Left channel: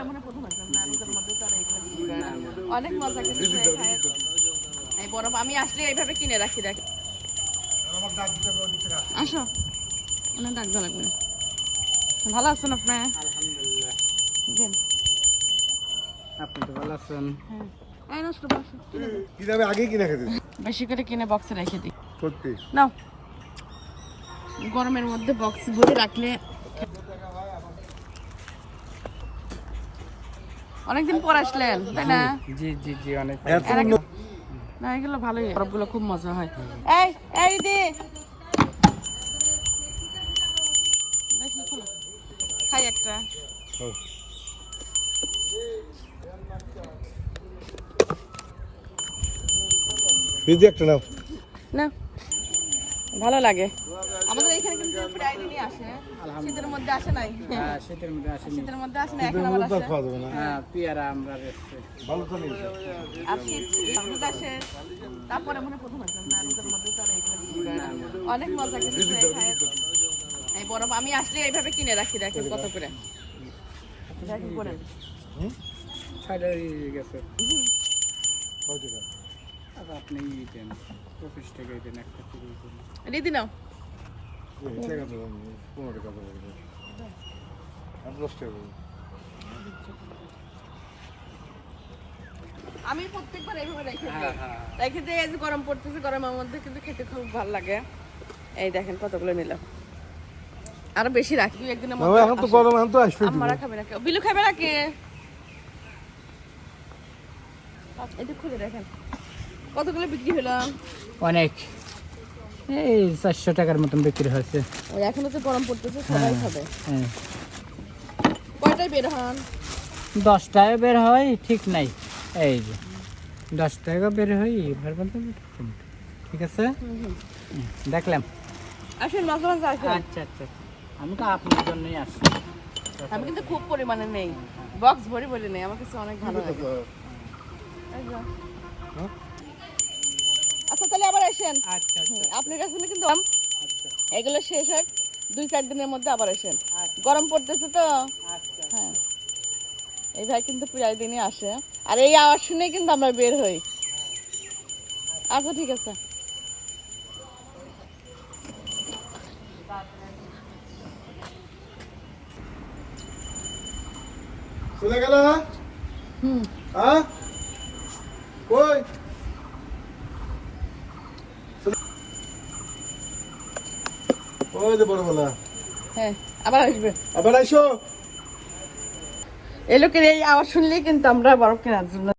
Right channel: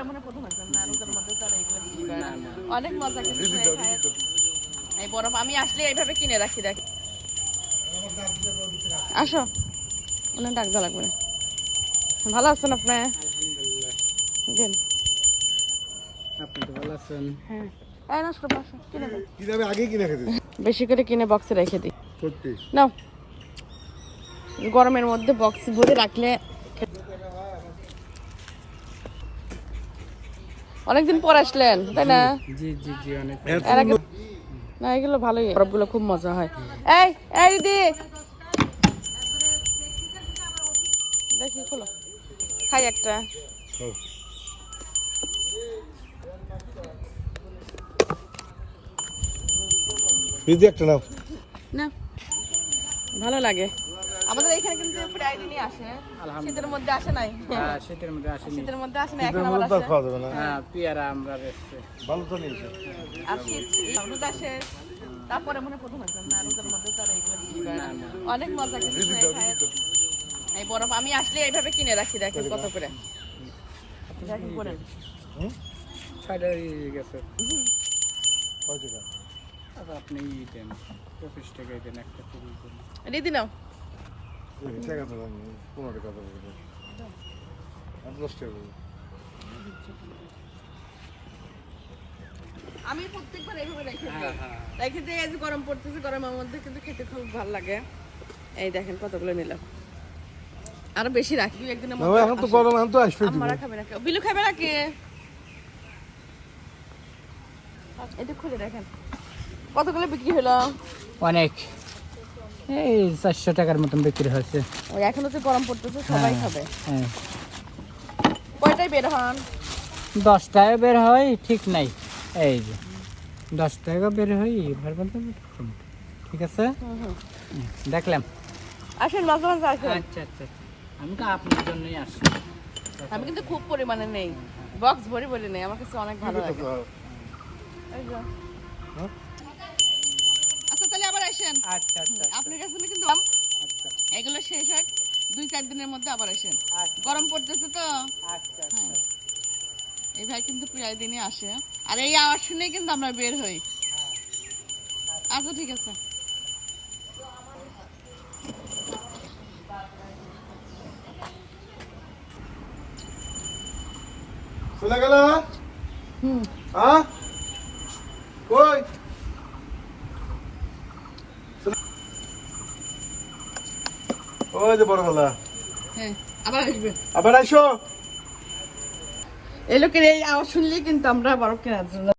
তারপরে মনে প্রথম আসলাম না রোদের মধ্যে তো আর এগুলো বিক্রি করে না। অনেক মজা কিন্তু এই বরফ আমি আসলে এইভাবে কিনে রাখি রাখি। আসো ডাক দেওয়া লাগবে না। ভালো আছেন আপনি? আলহামদুলিল্লাহ। দিন আপনি তো ভালো আছেন? হ্যাঁ এই নষ্ট বসো কিনে দাও। কিভাবে আগে কিনে খেতে বেশি করে কিনে বক্সে রেখে দিই। সত্যি নাও গরমের মধ্যে বক্স ভরে রাখলে অনেকদিন পর আসলেন তাই না? জি জি জি অনেক না এগুলো ভালোই বরফগুলো খুব মজা হয়। এই এই দিদি দেখি খোলো খাই একটা। ফ্রিজে একটা নাও না ভালো লাগে আমাদের এখানে কিন্তু প্রায় দিনই আসে। শীতের মধ্যে আসে নাই? হ্যাঁ, শীতের মধ্যে আসেনি। শীতের মধ্যে আসে না এখন আবার তো আসে। খাওয়া যাবে না হ্যাঁ, পেয়ারা আমরা বেচছি। ভালো তো নেই আর শীত রোদ আসে তারপরে মনে প্রথম আসলাম না রোদের মধ্যে তো আর এগুলো বিক্রি করে না। অনেক মজা কিন্তু এই বরফ আমি আসলে এইভাবে কিনে রাখি রাখি কত করে দেখি করে। ছাড়া হয়ে গেছে। কয় টাকা আবার আপনি ই দেন 25 টাকায় দেন একটা পুরো দেন। দিদি নাও এই টাকা তো 15 টাকা দেবো আর 10 টাকা দেবো। আমি প্রত্যেকবার এইভাবে রেখে দিই। হ্যাঁ হ্যাঁ রেখে দিয়ে এই যে গরম পড়তেছে গরমের মধ্যে কিন্তু খেতে খুব ভালো লাগে। এই দেখেন কতগুলো নিলাম আরো বেশি রাখি একদিনের না মধ্যে। এখন তো গরম এখন তো আসবে আমারা খাবে না বিলু খাবে না কে? এটা খুলে দেখেন কতগুলো বিক্রি হলো। অনেক এই 400 টাকার মতন বিক্রি হয়েছে। ওই এখনো তো গরম পড়তেছে সবাই খাবে। হ্যাঁ কয়টায় বের হন? 10 টাকা বের হয় ঠিক নাই। এই যে 10 টাকা বের হয় এবার বলতে ঠিক আছে। দেখলাম। আসেন মাঝে মাঝে আসেন। আচ্ছা আচ্ছা আমি তো আপনার জন্যই আসছি। আমি কিন্তু খুব পরিমাণে নেই বক্স ভরে ভরে নেই আমার কাছে অনেক ভালো লাগে। এই যে। হ্যাঁ? আচ্ছা তাহলে আবার আসেন। আচ্ছা আচ্ছা আপনার কাছে কিন্তু আচ্ছা এগুলো শেষ হয় 2-4 দিনের মধ্যে আবার আসেন। গরম পড়তেছে তো আচ্ছা হ্যাঁ এই ভাই কিন্তু প্রায় দিনই আসে আর এই আওয়াজ শুনে কিন্তু আমরা বের হই। আচ্ছা ঠিক আছে। চলে গেল হুম হ্যাঁ কই ওই যে বড়বেলা হ্যাঁ আবার আসবে। আবার আইসো এই লোকের এই আওয়াজ শুনলেই কিন্তু আমরা বরফ কেনার জন্য